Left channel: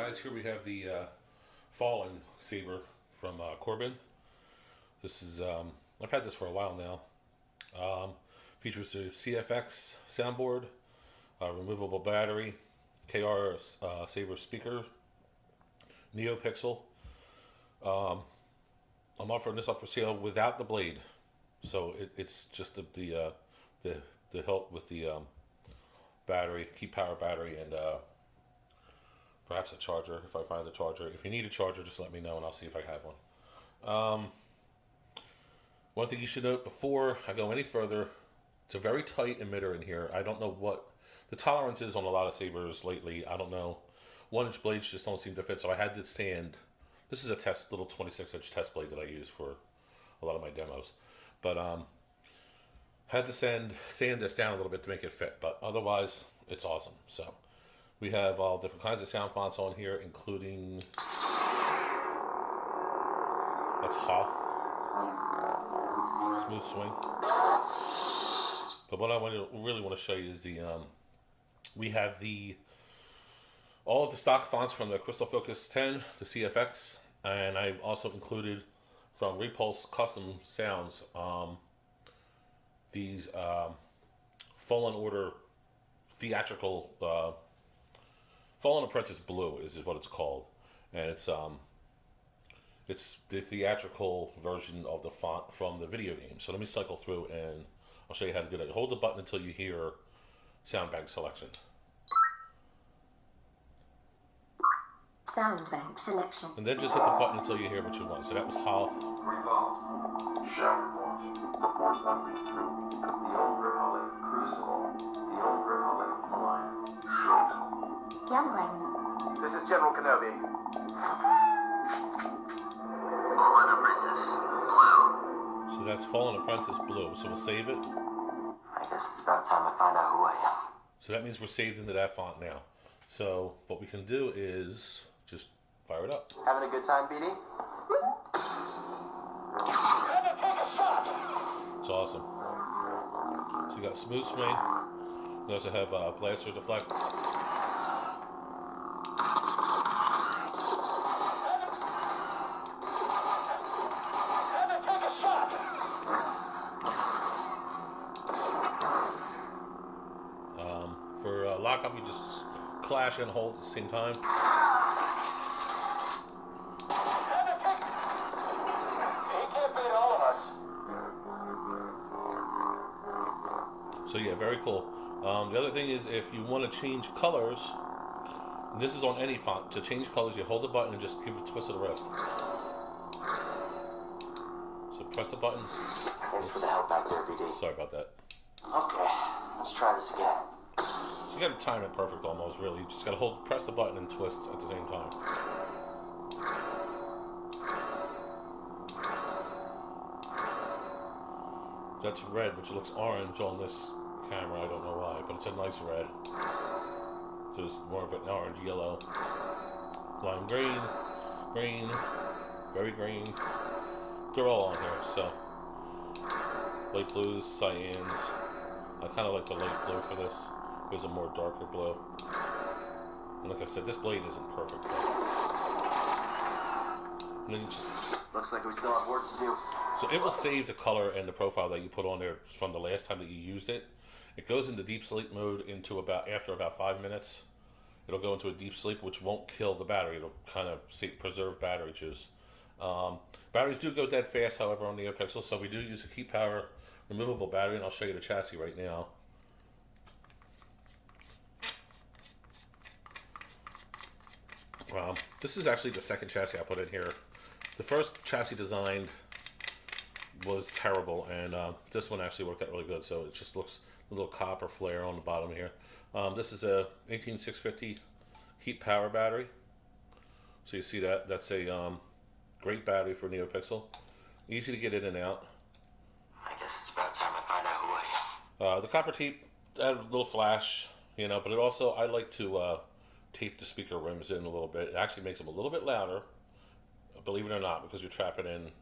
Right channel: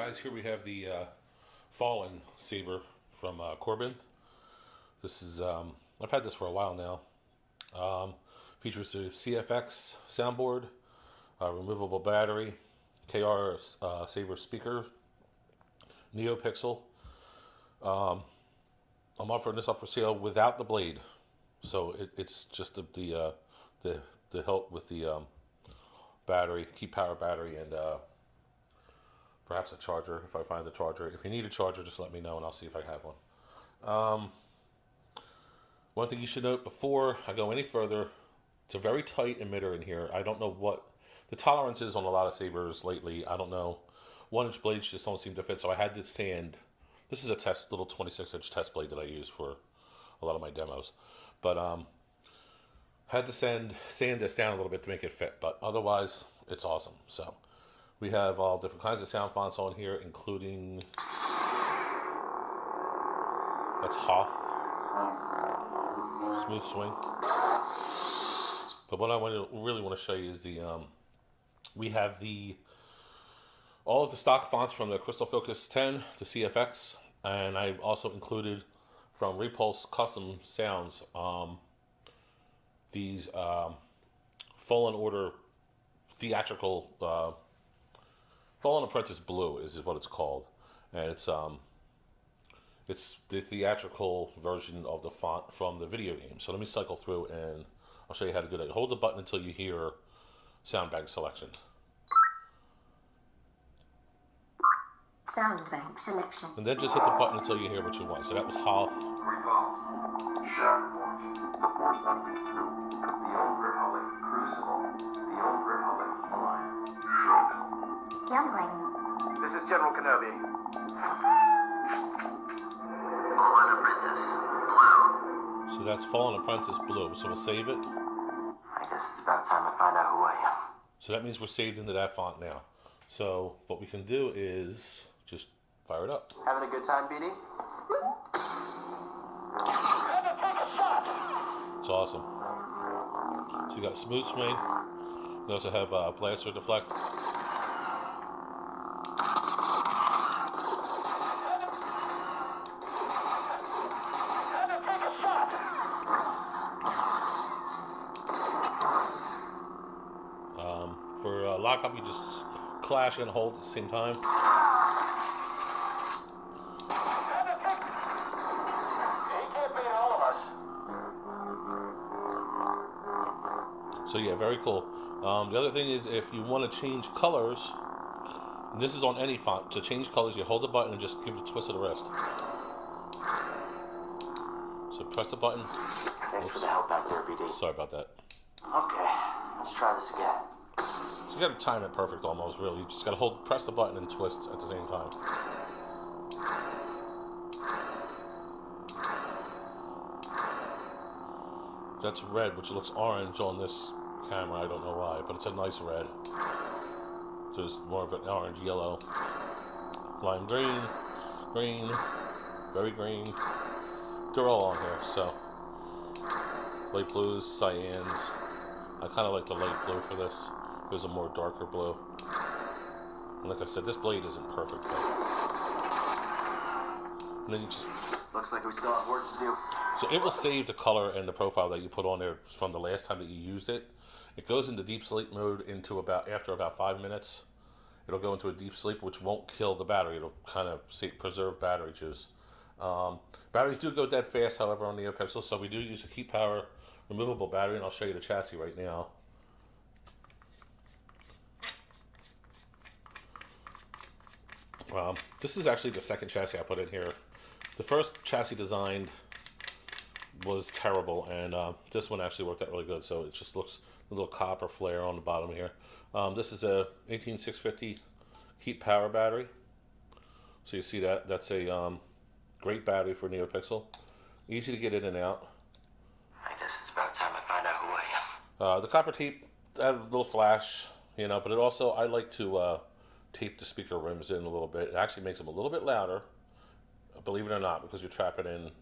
Guys, here we have the Fallen Saber from Korbanth. This is, I've had this for a while now. Features the CFX soundboard, removable battery, KR Saber speaker, Neo pixel. I'm offering this up for sale without the blade, so it's just the hilt with the battery, keep power battery, and perhaps a charger if I find the charger. If you need a charger, just let me know and I'll see if I have one. One thing you should note before I go any further, it's a very tight emitter in here. I don't know what the tolerance is on a lot of sabers lately. I don't know. 1-inch blades just don't seem to fit, so I had to sand. This is a little 26-inch test blade that I use for a lot of my demos. But had to sand this down a little bit to make it fit, but otherwise it's awesome. So we have all different kinds of sound fonts on here, including, that's Hoth, Smooth Swing. But what I really want to show you is we have all of the stock fonts from the Crystal Focus 10 to CFX, and I've also included from Repulse Custom Sounds these Fallen Order theatrical Fallen Apprentice Blue is what it's called, and it's the theatrical version of the font from the video game. So let me cycle through and I'll show you how to do that. Hold the button until you hear sound bank selection. Sound bank selection. And then just hit the button until you hear what you want. So that was Hoth. Youngling. This is General Kenobi. Fallen Apprentice Blue. So that's Fallen Apprentice Blue. So we'll save it. I guess it's about time I find out who I am. So that means we're saved into that font now. So what we can do is just fire it up. Having a good time, Beanie? It's awesome. So you got Smooth Swing. You also have Blaster Deflect. For lockup, you just clash and hold at the same time. So yeah, very cool. The other thing is, if you want to change colors, and this is on any font, to change colors you hold the button and just give it a twist of the wrist. So press the button. Thanks for the help back there, BD. Sorry about that. Okay, let's try this again. So you got to time it perfect almost, really. You just got to press the button and twist at the same time. That's red, which looks orange on this camera. I don't know why, but it's a nice red. There's more of an orange, yellow, lime green, green, very green. They're all on here. So light blues, cyans. I kind of like the light blue for this. There's a more darker blue. And like I said, this blade isn't perfect though. And then you just... Looks like we still have work to do. So it will save the color and the profile that you put on there from the last time that you used it. It goes into deep sleep mode after about 5 minutes. It'll go into a deep sleep, which won't kill the battery. It'll kind of preserve battery juice. Batteries do go dead fast, however, on NeoPixel, so we do use a keep power removable battery, and I'll show you the chassis right now. This is actually the second chassis I put in here. The first chassis designed was terrible, and this one actually worked out really good. So it just looks a little copper flare on the bottom here. This is a 18650 keep power battery. So you see that that's a great battery for NeoPixel. Easy to get in and out. I guess it's about time I find out who I am. The copper tape had a little flash, you know, but it also, I like to tape the speaker rims in a little bit. It actually makes them a little bit louder, believe it or not, because you're trapping in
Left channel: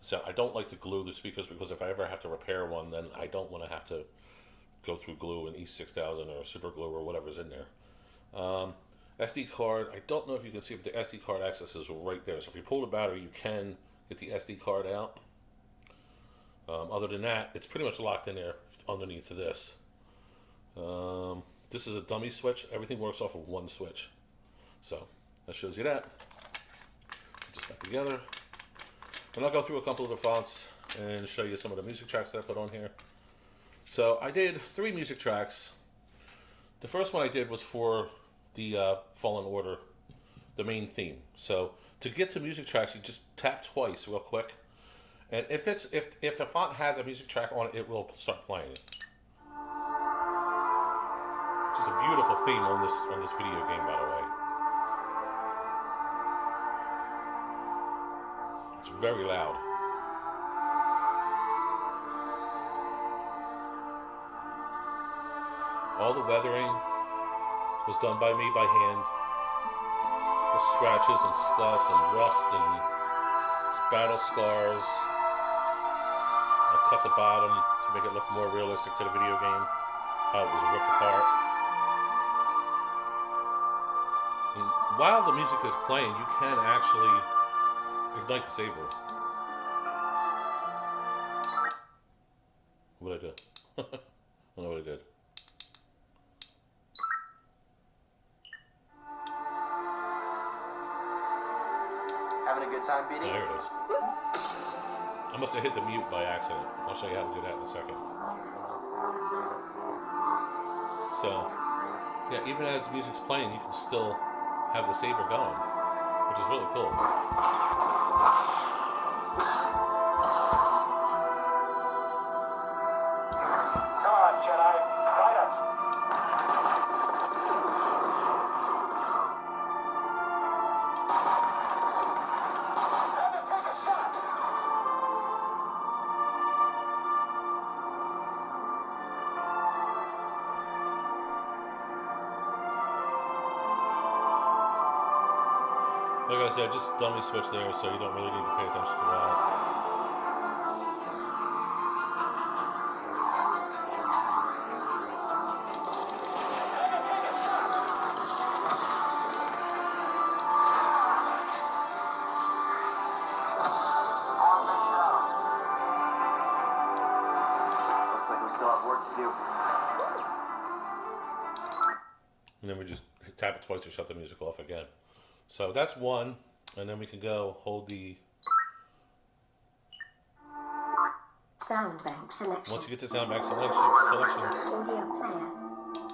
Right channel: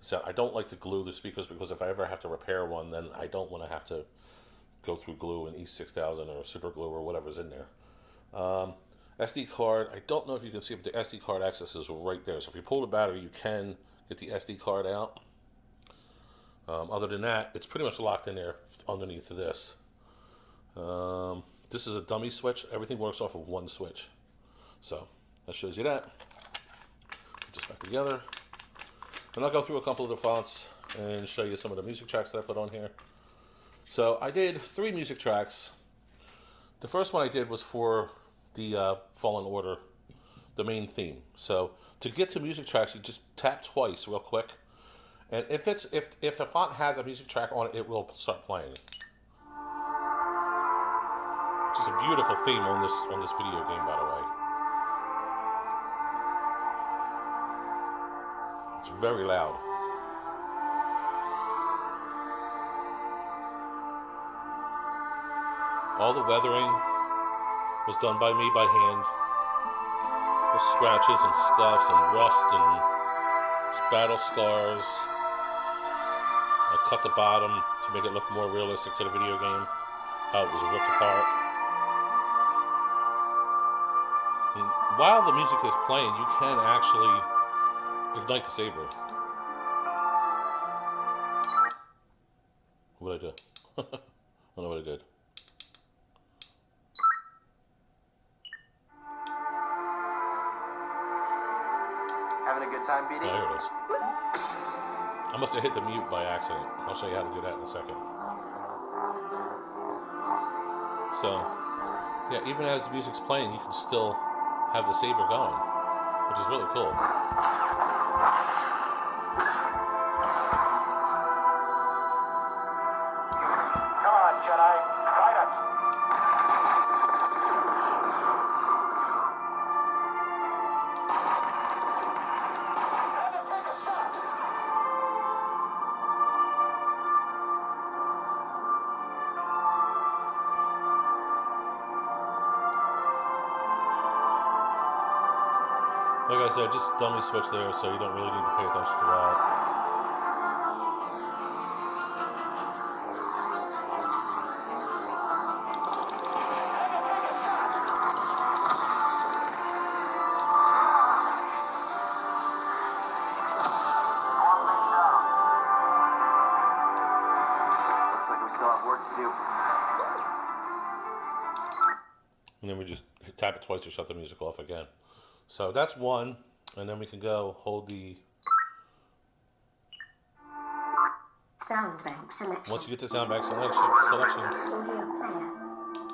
sound. I don't like to glue the speakers because if I ever have to repair one, then I don't want to have to go through glue and E6000 or super glue or whatever's in there. SD card, I don't know if you can see it, but the SD card access is right there. So if you pull the battery, you can get the SD card out. Other than that, it's pretty much locked in there underneath this. This is a dummy switch. Everything works off of one switch. So that shows you that. Put this back together. And I'll go through a couple of the fonts and show you some of the music tracks that I put on here. So I did 3 music tracks. The first one I did was for the Fallen Order, the main theme. So to get to music tracks, you just tap twice real quick. And if a font has a music track on it, it will start playing. Which is a beautiful theme on this video game, by the way. It's very loud. All the weathering was done by me by hand. With scratches and scuffs and rust and battle scars. I cut the bottom to make it look more realistic to the video game. How it was ripped apart. And while the music is playing, you can actually ignite the saber. What did I do? I don't know what I did. Having a good time beating? Oh, here it is. I must have hit the mute by accident. I'll show you how to do that in a second. So, yeah, even as the music's playing, you can still have the saber going, which is really cool. Come on, Jedi. Fight us. Like I said, just dummy switch there, so you don't really need to pay attention to that. Looks like we still have work to do. And then we just tap it twice to shut the music off again. So that's one, and then we can go hold the... Sound bank selection. Once you get to sound bank selection, Audio player.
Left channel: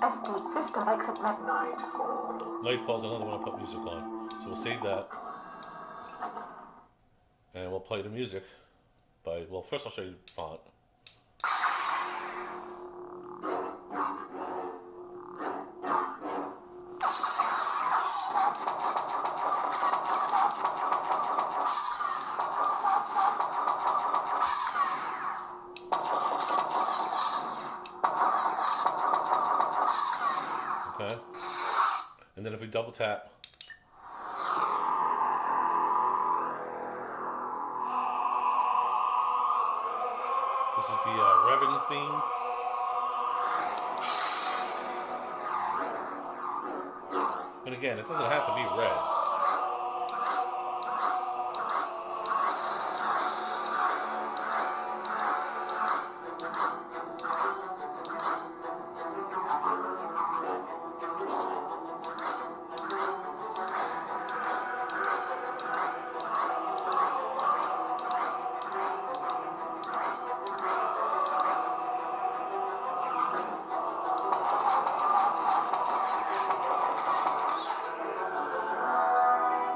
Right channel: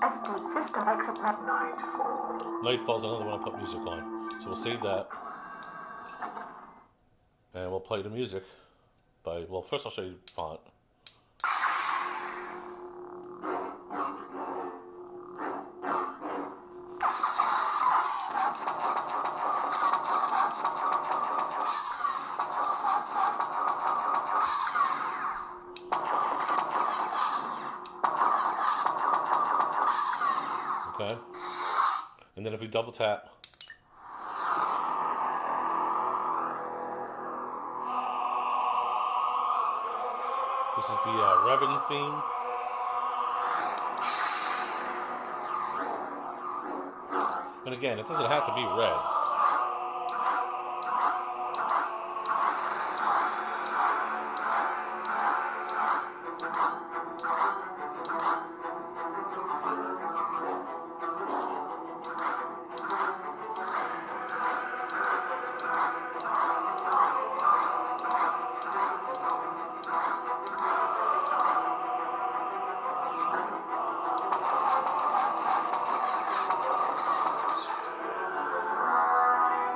Estate system exit menu. Nightfall's another one I put music on. So we'll save that. And we'll play the music by, well, first I'll show you the font. Okay. And then if we double tap, this is the Revan theme. And again, it doesn't have to be red.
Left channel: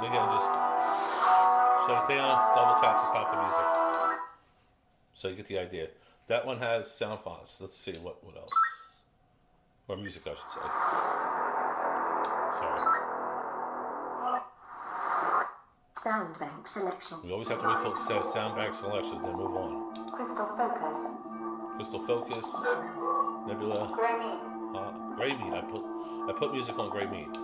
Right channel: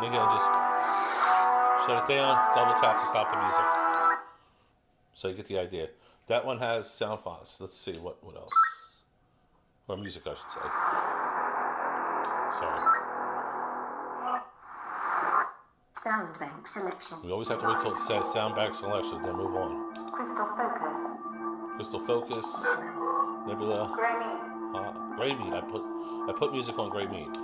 And again, just shut it down, double tap to stop the music. So you get the idea. That one has Soundfonts. Let's see what else. Or music, I should say. Sorry. Sound bank selection. We always have to wait till it says sound bank selection, then move on. Crystal focus. Crystal Focus, Nebula, Gray Meat. I put music on Gray Meat.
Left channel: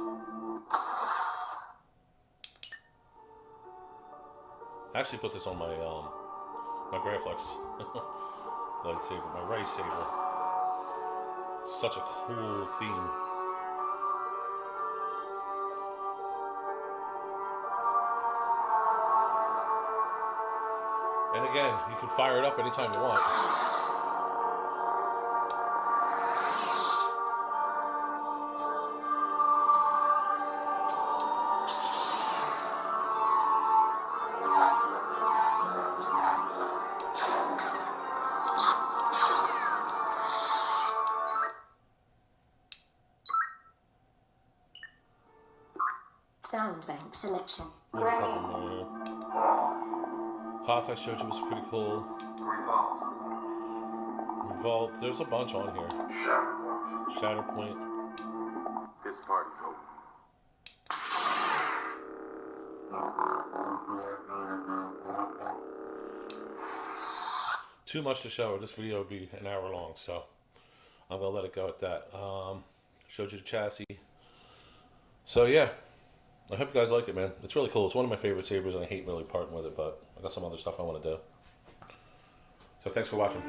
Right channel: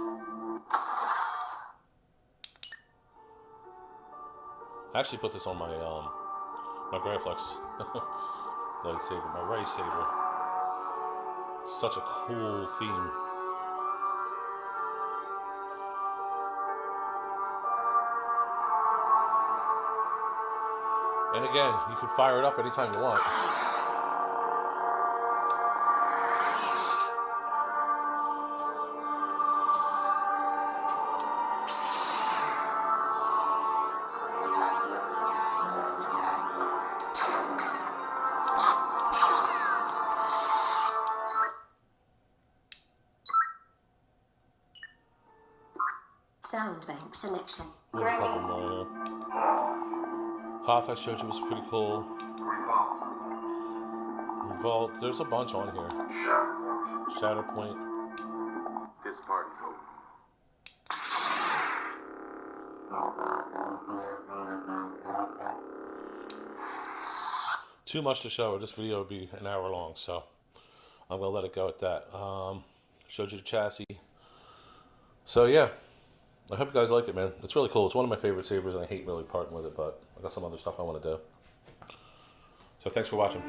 I actually put this on my my Graflex lightsaber, my Ray saber. It's such a cool theme. And again, you can fire it up anytime you want. Sound bank selection. There's a couple more. Hoth I showed you was pretty cool. Revolt. There's a bunch on here. Shatterpoint. This party's over. Too much to show. This video would be an hour long, so I'm gonna let it go at that. Showed you the chassis. So yeah, I hope you guys like it, man. It's really cool. It's one of my favorite sabers, and I hate really parting with it, but I got some other stuff I want to do. So thanks for watching.